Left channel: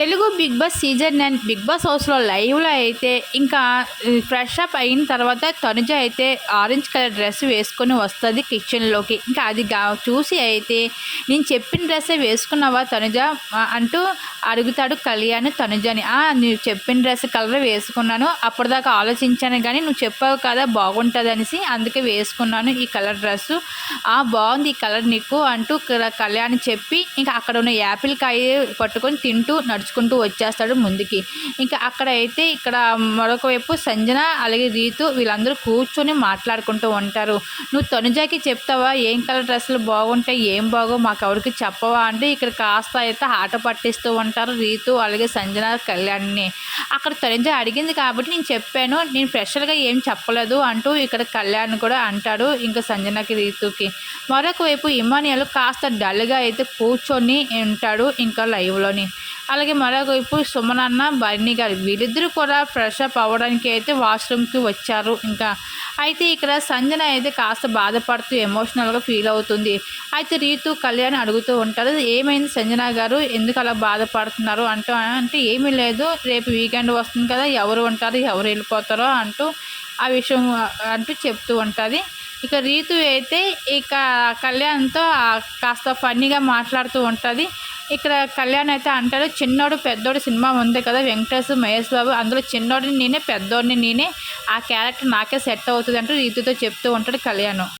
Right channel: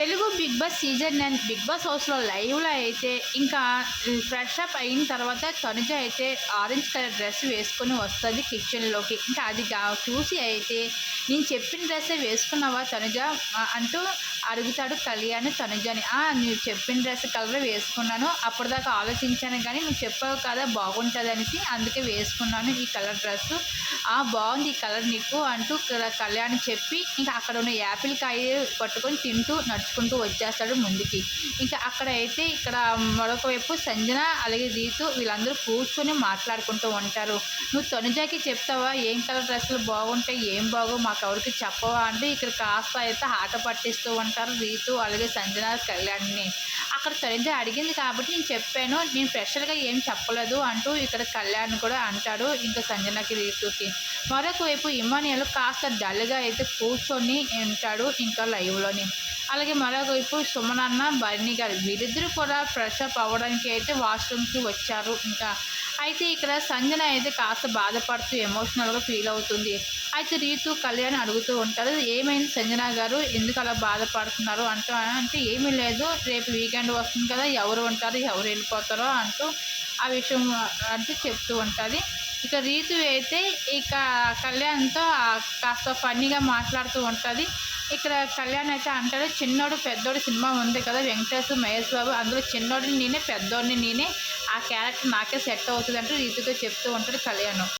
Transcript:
Telugu big boss season nine big boss హౌస్లో లైవ్లో అయితే ఇంకా ఫ్రెష్ అప్ అయిన తర్వాత తనుజ అయితే ఆరెంజ్ కలర్ డ్రెస్ వేసుకొని వస్తుంది కిచెన్లోకి. ఇంకా అది చూసి అయితే నేను చెప్పిన డ్రెస్సే వేసుకున్నావా తనుజ? అంటూ అడుగుతాడు కళ్యాణ్ తనుజని. నువ్వు చెప్పిన డ్రెస్ కలర్ వేసుకున్నాను అప్పటిదాకా ఆలోచించాను కానీ నువ్వు చెప్పావు కదా బాగుంటుంది అనేసి అందుకే వేసుకున్నాను ఈ కలర్ డ్రెస్సు. ఆ బాగుంది ఈ కలర్ నీకు అంటూ కళ్యాణ్ చెప్పి ఇంకా అక్కడ ఉన్న యాపిల్ కాయ పట్టుకొని తింటూ నడుచు నడుచుకుంటూ వచ్చేస్తాడు ముందుకి. ఇంకా అక్కడ అయితే ఇక్కడ మరొక వైపు సంజన అలాగే రీతు వీళ్ళందరూ కూర్చొని మాట్లాడుకుంటూ ఉంటారు. నువ్వు తనుజాకి చెప్తావా? ఏం కలర్ డ్రెస్సులు బాగుంటాయి? ఏం బాగో మాకు ఎవరికి చెప్పవా? అంటే ఇక్కడ కాస్త అయితే ఆట పట్టిస్తూ ఉంటారు రీతు అలాగే సంజన కళ్యాణ్ని. అక్కడ తనుజ అడిగింది కాబట్టి నేను చెప్పాను. నేను స్పెషల్గా ఏం చెప్పలేదు అంటూ ఇక్కడ కళ్యాణ్ కూడా అంటాడు ఇంకా సంజనకి రీతుకి. మరొక వైపు ఇమానియాలు కాస్త డల్గా అయితే కూర్చొని ఉంటాడు ఇంకా లైవ్లోని. అలాగే మరోవైపు వైపు సుమనన్న బన్నీ గారు వీరిద్దరూ కూడా ఫ్రెష్ అప్ అవ్వడానికి అయితే వాష్రూమ్కి వచ్చారు. ఇంకా అయితే ఇక్కడ సంజన అయితే కాస్త బాధపడుతూ ఎమోషనల్గా ఫీల్ అవుతుంది. అయితే రీతు కళ్యాణ్ అడుగుతూ ఉంటారు ఏమైంది సంజన గారు? ఎందుకు అలా బాధపడుతున్నారు? అంటూ అంటే ఏమీ లేదు రేపు వీకెండ్ వస్తుంది కదా ఎవరు ఉంటారు ఎవరు వెళ్ళిపోతారో అంటూ ఆ విషయం అంటూ చెప్తూ ఉంటుంది. ఇక రీతు అయితే ఇక కళ్యాణ్తో కాస్త ఫన్నీగా మాట్లాడుతూ ఉంటుంది. ఇక్కడ కళ్యాణ్ అయితే అంటాడు చిన్నోడు పెద్దోడు సినిమా ఉంది కదా వెంకటేష్ మహేష్ బాబు అందులో చిన్నోడిని నేనే పెద్దోడిని నేనే ఆ క్యారెక్టర్ నాకే సెట్ అవుతుంది అంటూ రీతుతో చెప్తూ ఉంటాడు కళ్యాణ్.